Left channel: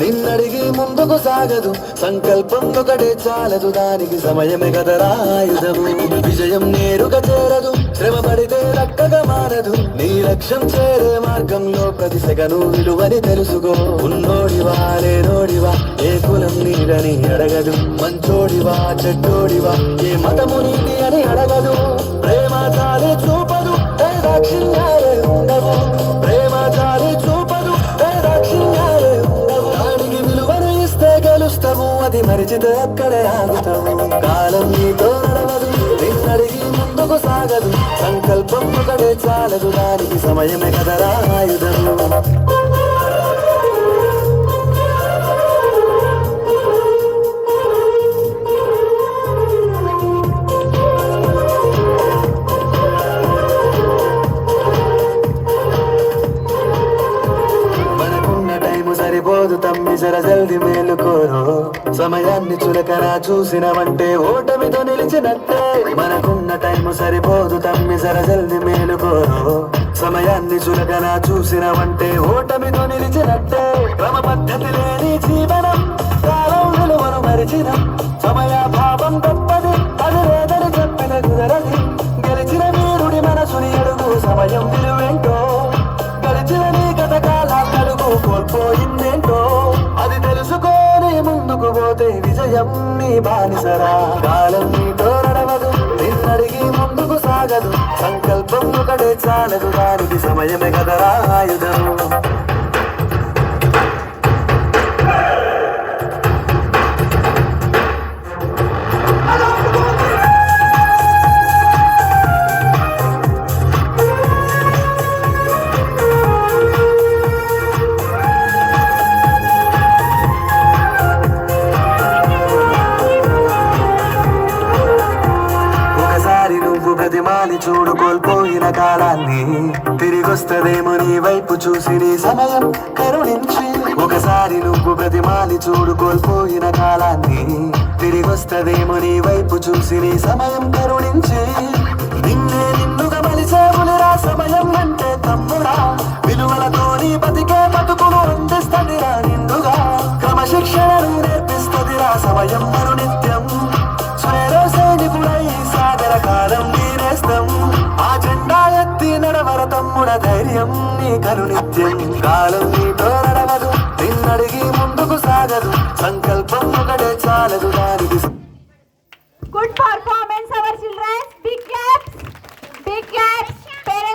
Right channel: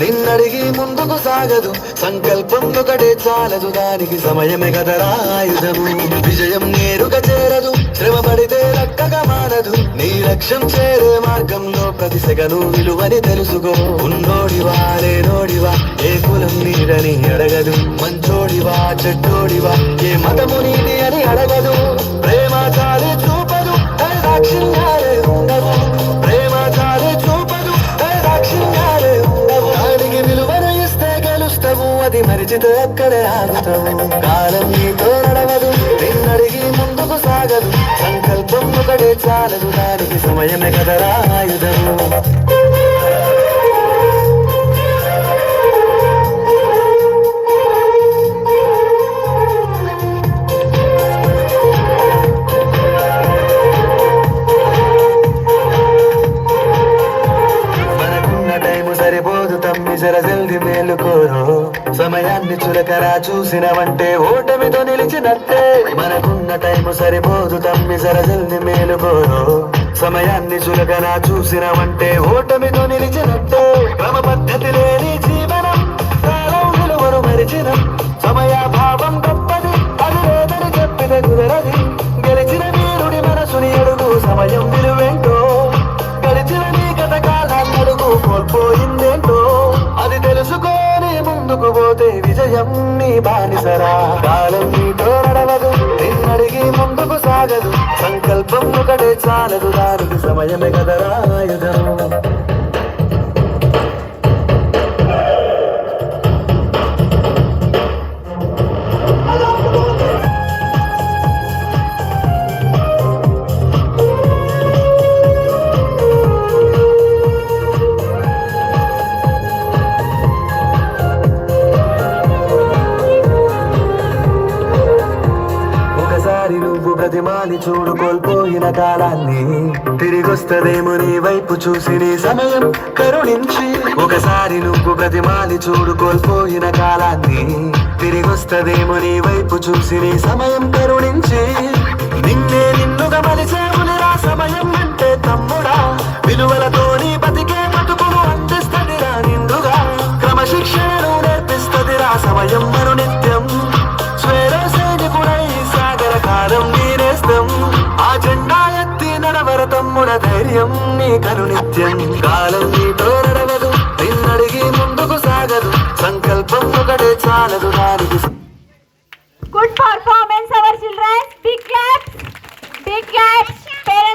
నిన్నడిగి ముందుకు సాగదు, సంకల్పం ఒకటే చాలదు, దానికి సమయమే కదరా ఆయుధము. విజయం నేరుగా చేరదు, శ్రమ పడితే లక్కగా మారదు, నీ లక్ష్యం చేరే మార్గంలో ప్రతి సెగను విలువని తెలుసుకో. ఉన్నోడివా లేనోడివా, ఏ కులం నీడని అడగదు, మంచోడివా చెడ్డోడివా, ఏ మతము నీది అని అడగదు. ప్రేమ చాలే చూపదు, దాక్షిణ్యాలే ఉండవు, ప్రేమ చాలే చూపదు, దాక్షిణ్యాలే ఉండవు. దానికి విలువను ఇస్తే గెలుస్తావు, అది మరిచితే అక్కడే ఆగుతావు. కాలం నీతో నడవదు, నిన్నడిగి ముందుకు సాగదు, సంకల్పం ఒకటే చాలదు, దానికి సమయమే కదరా ఆయుధము. సరిపోదు తమ్మి జర జల్ది మేలుకోరు, సమయాన్ని చురకరా చూసినవంటే ఓటమితో నిలిచినట్టే. మనకున్న టైము సరిపోదు తమ్మి జర జల్ది మేలుకోరు, సమయాన్ని చురకరా చూసినవంటే ఓటమితో నిలిచినట్టే. క్రమ పద్ధతి లేని జీవనం, కాలం విలువను మరిచిన, సమయాభావం గొప్పది, అది లేదని చెప్పిన కుదరది. గెలిచిన వీరుడి మనసుని అడుగు, సమయం విలువేంటో, గెలిచిన నీ కథకాలం అడుగు, కోల్పోయిందేంటో అది తెలుసుకొని ముందుకు పోతే విజయం నీ బానిసరా. కాలం నీతో నడవదు, నిన్నడిగి ముందుకు సాగదు, సంకల్పం ఒకటే చాలదు, దానికి సమయమే కదరా ఆయుధం. నువ్వు ప్రతిమాలి చూడు కోల్పోయిన కాలాన్ని, తిరిగొస్తదేమో నీ వైపు చూసి నీ సమయం కరుణించి. ఒకసారి నువ్వు ప్రతిమాలి చూడు కోల్పోయిన కాలాన్ని, తిరిగొస్తదేమో నీ వైపు చూసి నీ సమయం కరుణించి. నిన్నే నిన్నుగా మలిసేవులిరా సమయం అంటే తమ్ముడా, విలువలతో నీ బతికే బతుకును అందిస్తదిరా నిండుగా. క్రమశిక్షణను నేర్పిస్తదిరా సమయం మరు నిత్యం, స్వేర సైనికుడై సాగర కాలం నీనేస్తం. ఆ జెండా ఎత్తి నడవర తమ్ముడ ధైర్యం నీ కరునిత్యం. కాలం నీతో నడవదు, నిన్నడిగి ముందుకు సాగదు, సంకల్పం ఒకటే చాలదు, దానికి. Good performance our children, big claps, big claps.